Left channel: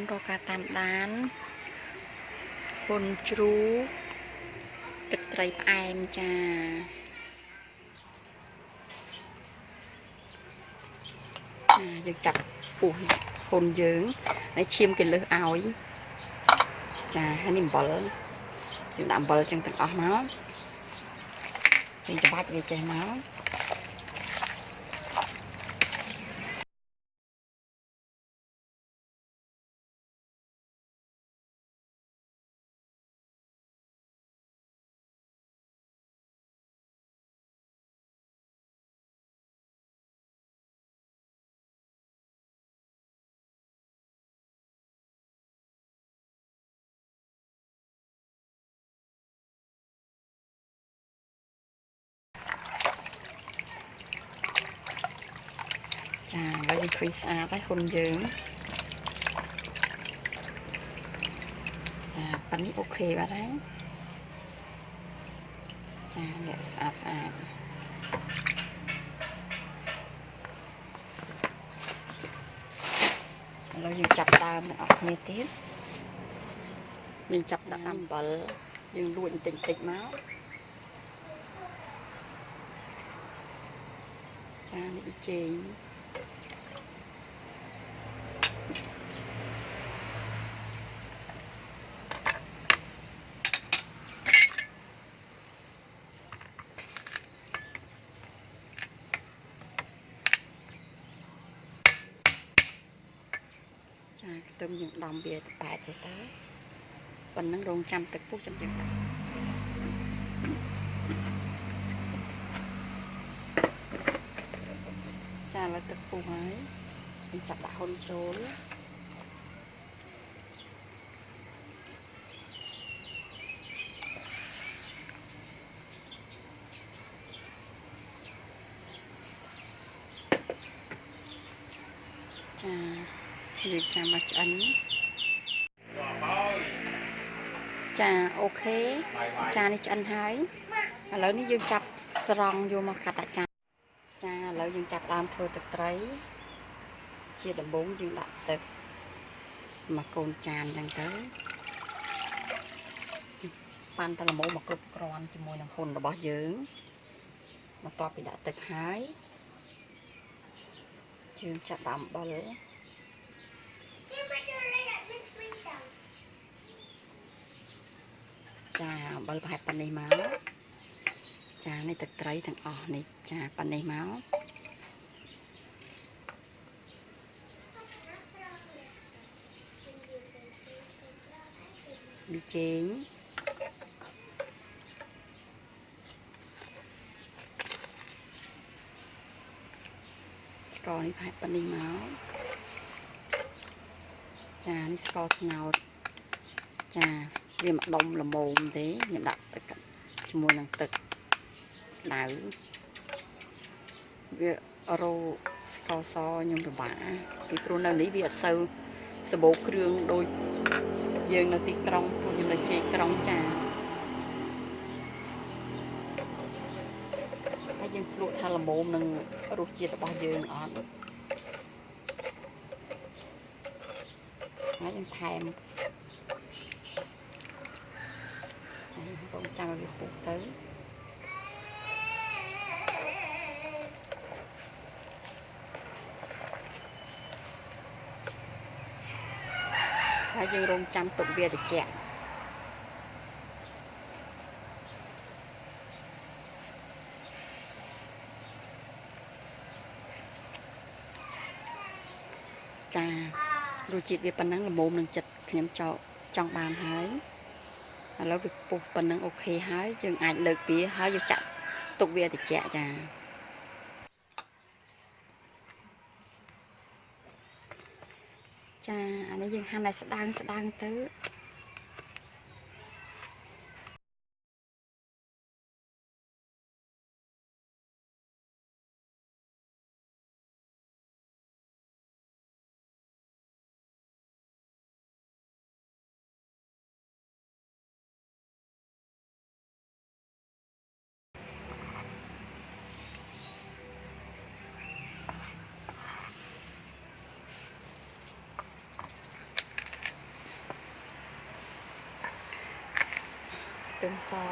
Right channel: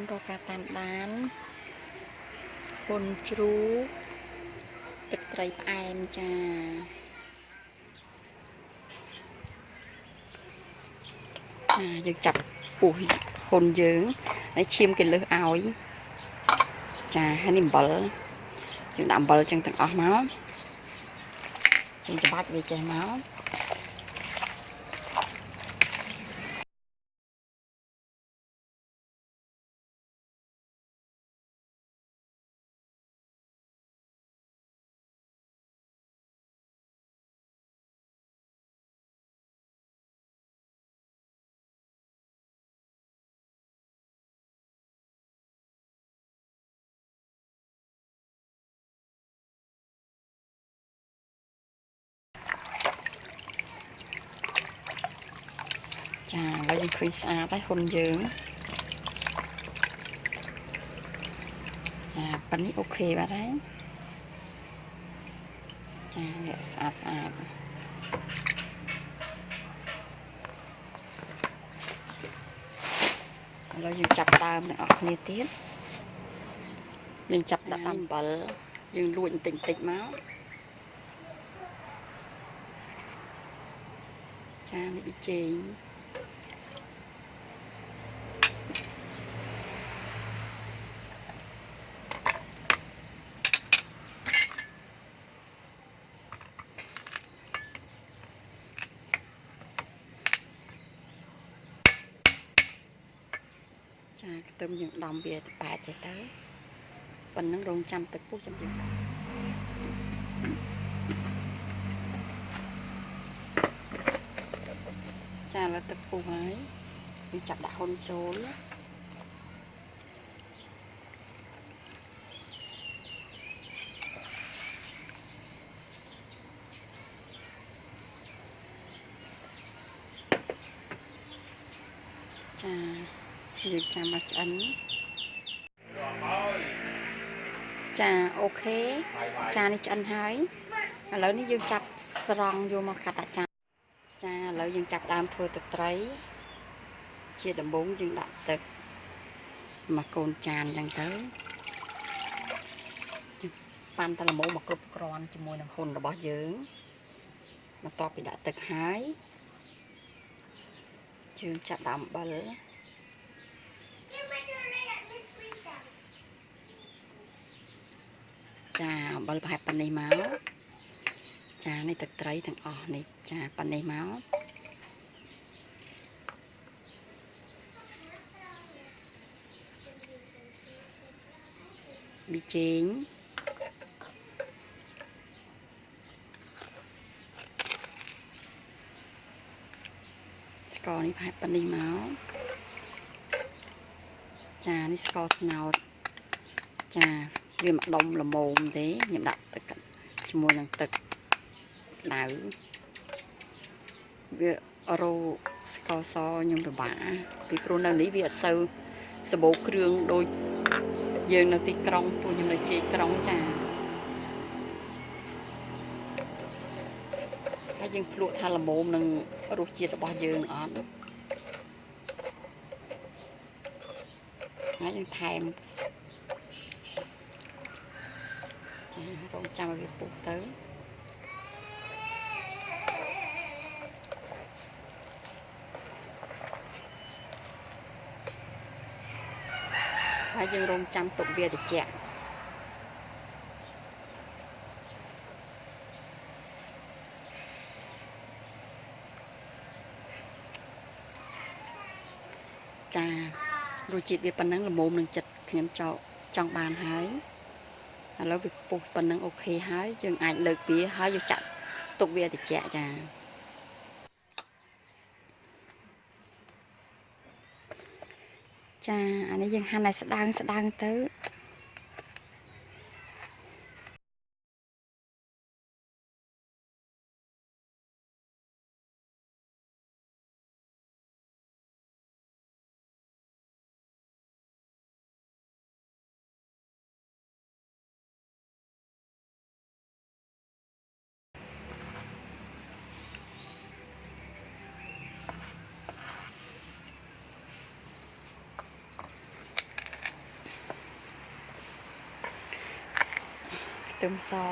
នរកការតាមដានហ៊ុនជ្រូកទឹកត្រីផ្អែមចាយើងចាប់ពុះហ៊ុនយើងហើយឈាមគេលើសឲ្យចាហើយនេះអំបិលយើងដាក់អំបិលចឹងទាំងអស់មកយើងច្បាច់វាចេះមកចាហើយយើងឃើញស្អាតហើយហ៊ុនយើងចាប៉ានេះអូខេបាត់ហើយចានេះស្អាតឥឡូវយើងចាប់ដើមទាំងអស់គ្នាទៀតយើងចាប់ដាក់អំបិលយើងលួចបន្តិចមកចានេះប៊ីចេងចាខ្ទឹមយើងដំវាទៅប៉ែតចេះទៅប៉ុណ្ណឹងរងចាំទឹកពុះចាំយើងដាក់ចាឥឡូវទឹកពុះហើយយើងចាប់ដាក់ហ៊ុនចូលចាយើងចាំមកឆ្អិនចាអូខេចានេះឆ្អិនហើយឥឡូវនេះយើងចាប់ស្រង់យកមកកាត់ដាក់ចានចាឥឡូវយើងចាប់ដើមធ្វើទឹកត្រីជាដំបូងយើងដាក់ទឹកមកកូនចានចឹងទៅប៉ាន់តែល្មមមកគ្រប់គ្រាន់ជាមួយនឹងហ៊ុនរបស់យើងបន្ទាប់ពីដាក់ទឹកហើយយើងចាប់ដាក់អំបិលចាអំបិលប្រហែលប៉ុណ្នេះមកចានេះទឹកត្រីទាំងអស់នេះចាប៉ុណ្នេះមកប៊ីចេងស្ករនេះប្រហែលប៉ុណ្នេះមកចានេះស្ករត្នោតចាវាមកដុំល្មមទេខ្ញុំដាក់ទឹកជាមួយនឹងទឹកដៅវារោស្ករសខ្ញុំពិបាកពីព្រោះនៅនេះវាអត់សូវសម្បូរគ្រឿងដូចយើងនៅទីក្រុងពួកខ្ញុំនៅជាក្រុងចាហើយយើងភ្លក់ថាល្មមនឹងរសជាតិរបស់យើងអត់ហើយយើងថែមចារងចាំឲ្យវាពុះទៅហើយយើងរងចាំទុកវាត្រជាក់ចារសជាតិវាប៉ុណ្ណឹងល្មមនឹងចិត្តខ្ញុំចង់បានហើយឥឡូវវាពុះប៉ុណ្ណឹងអូខេហើយយើងអាចលើកវាហើយយកចាក់ទុកវាត្រជាក់ចាចាអានេះយើងហាន់ឲ្យស្ដើងទៅ tươm xó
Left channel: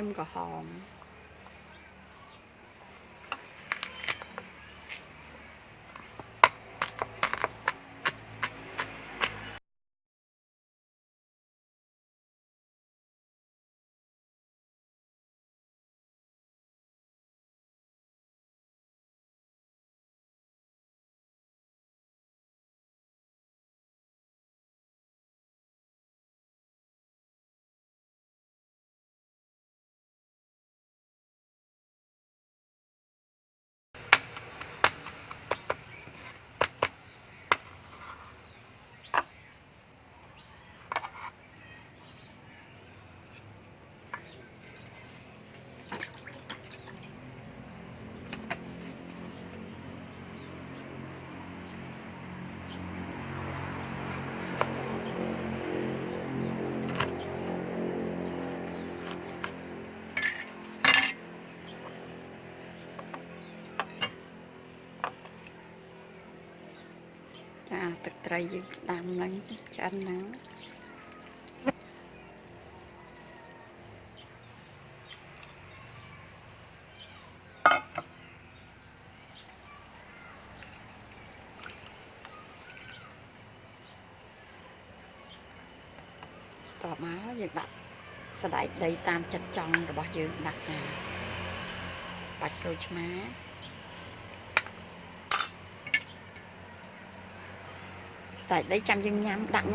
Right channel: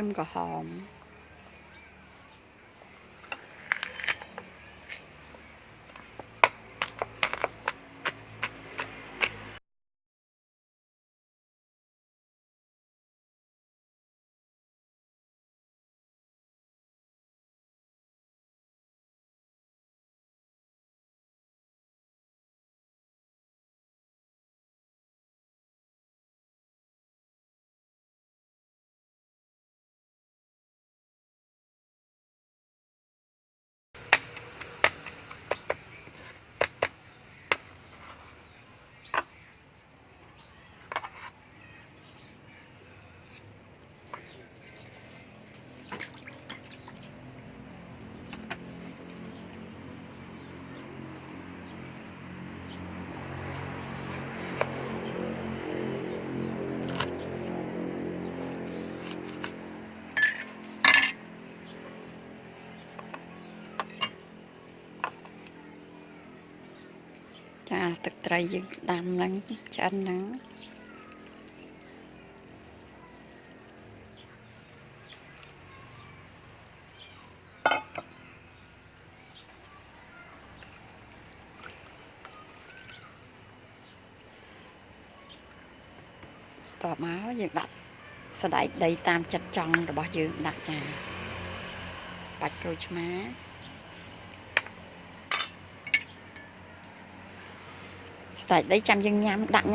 tươm cỏ hòmទឹកត្រីយើងដាំឡើងឆ្អិនហ្នឹងតបមកយើងដាក់សណ្តែកដីតាមចិត្តចង់របស់យើងដាក់ចាបាច់ក្រូចឆ្មាសណ្តែកដីចាំយើងញ៉ាំដាក់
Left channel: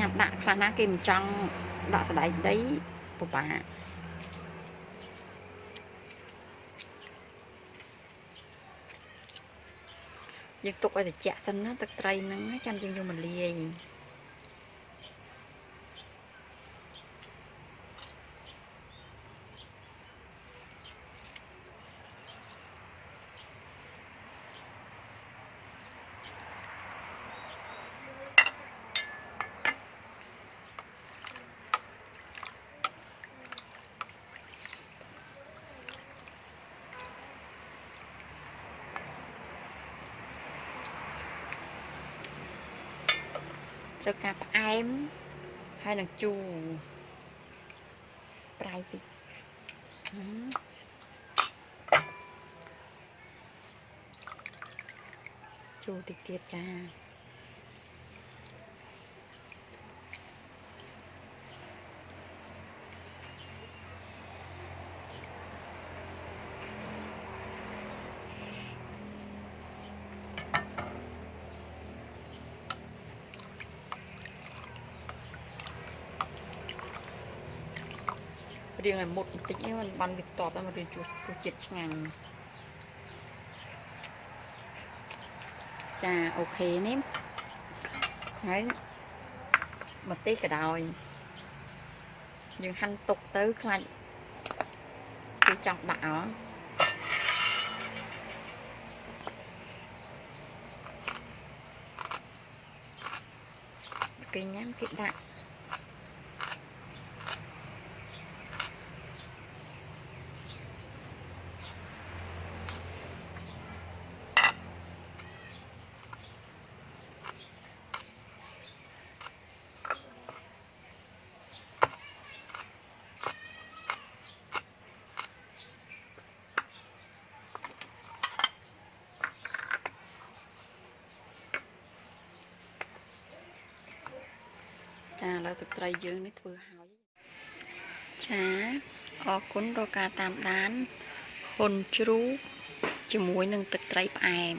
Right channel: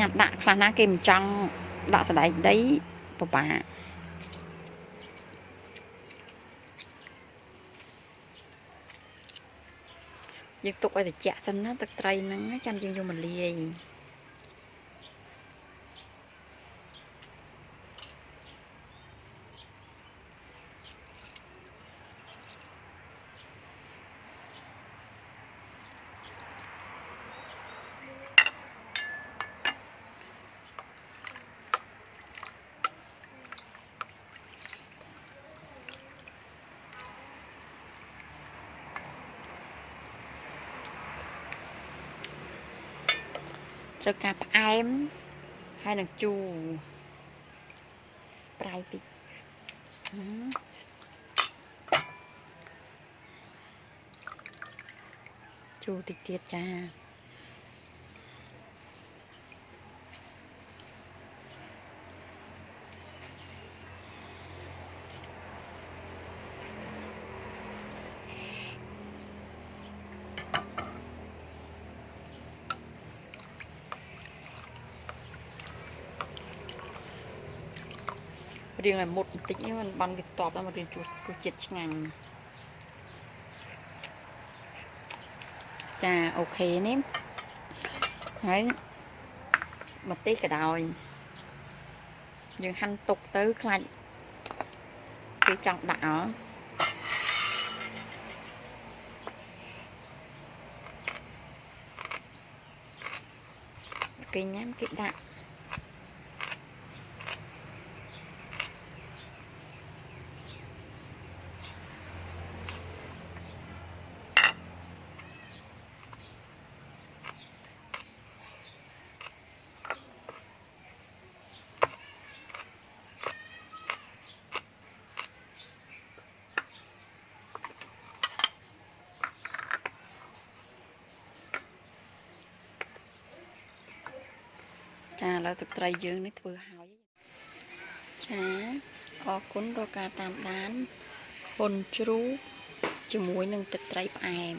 ខ្លះណាគេមិនចង់ដាក់សណ្តែកដីពិបាកយើងទុកឲ្យត្រជាក់សិនណាទឹកត្រីហ្នឹងចាំយើងយកមកលាយត្រូវការផ្អែមហើយនឹងជូរប្រៃតិចជូរតិចទៀតចារៀងឲ្យមុតបន្តិចនេះมันបានវាតបហើយមករៀងរសជាតិឆ្ងាញ់ចាអូខេនេះហើយម្ទេសក៏ដោយយើងហាន់ទុកទៅខ្លាចគេចង់ដាក់គេញ៉ាំគេដាក់ចាឥឡូវទឹកត្រីយើងនេះធ្វើហើយចាអរគុណរកការតាមដានហ៊ុនជ្រូកជាមួយនឹងទឹកត្រីផ្អែម